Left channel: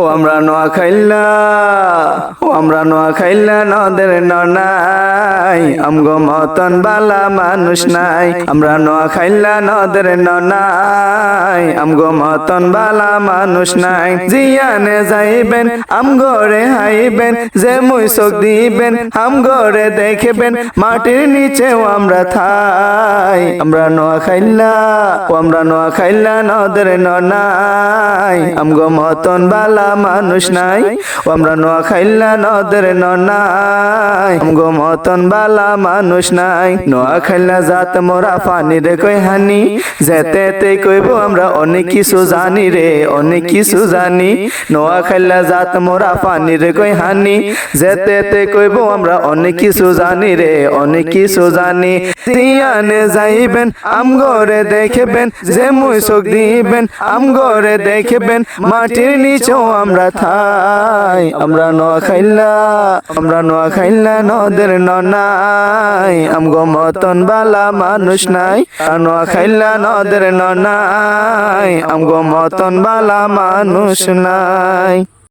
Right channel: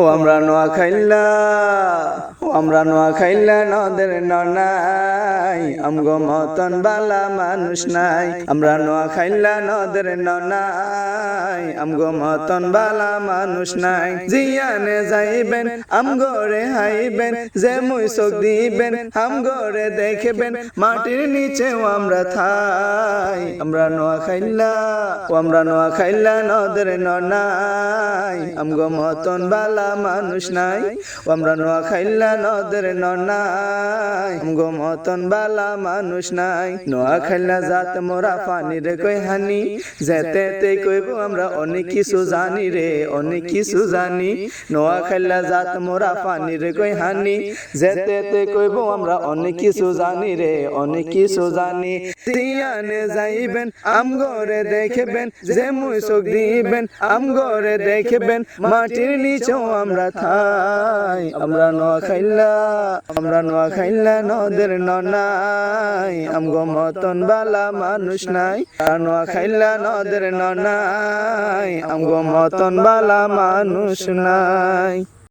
ও আমরা নোয়াখাইলা নদের ননাই আমগো মতন বালা মানুষ নাই। আমরা নোয়াখাইলা নদের ননাই আমগো মতন বালা মানুষ নাই। জিয়ানে যাইবেন আমগরে হাইবেন, যে মুই চোখ দিবেন আমগরে দেখবেন, মাটির নিচেও আমরা থাই। আমরা নোয়াখাইলা নদের ননাই আমগো মতন বালা মানুষ নাই। আমরা নোয়াখাইলা নদের ননাই আমগো মতন বালা মানুষ নাই। নোয়াখাইলা জাত মোরা পানির কই হানি, যেতে কইব আমরা অনেক কিছু জানি রে, অনেক কিছু জানি। নোয়াখাইলা জাত মোরা পানির কই হানি, যেতে কইব আমরা অনেক কিছু জানি রে, অনেক কিছু জানি। জিয়ানে যাইবেন আমগরে দেখবেন, যে মুই চোখ দিবেন আমগরে দেখবেন, মাটির নিচেও আমরা থাই। আমরা নোয়াখাইলা নদের ননাই আমগো মতন বালা মানুষ নাই। নোয়াখাইলা নদের ননাই আমগো মতন বালা মানুষ নাই।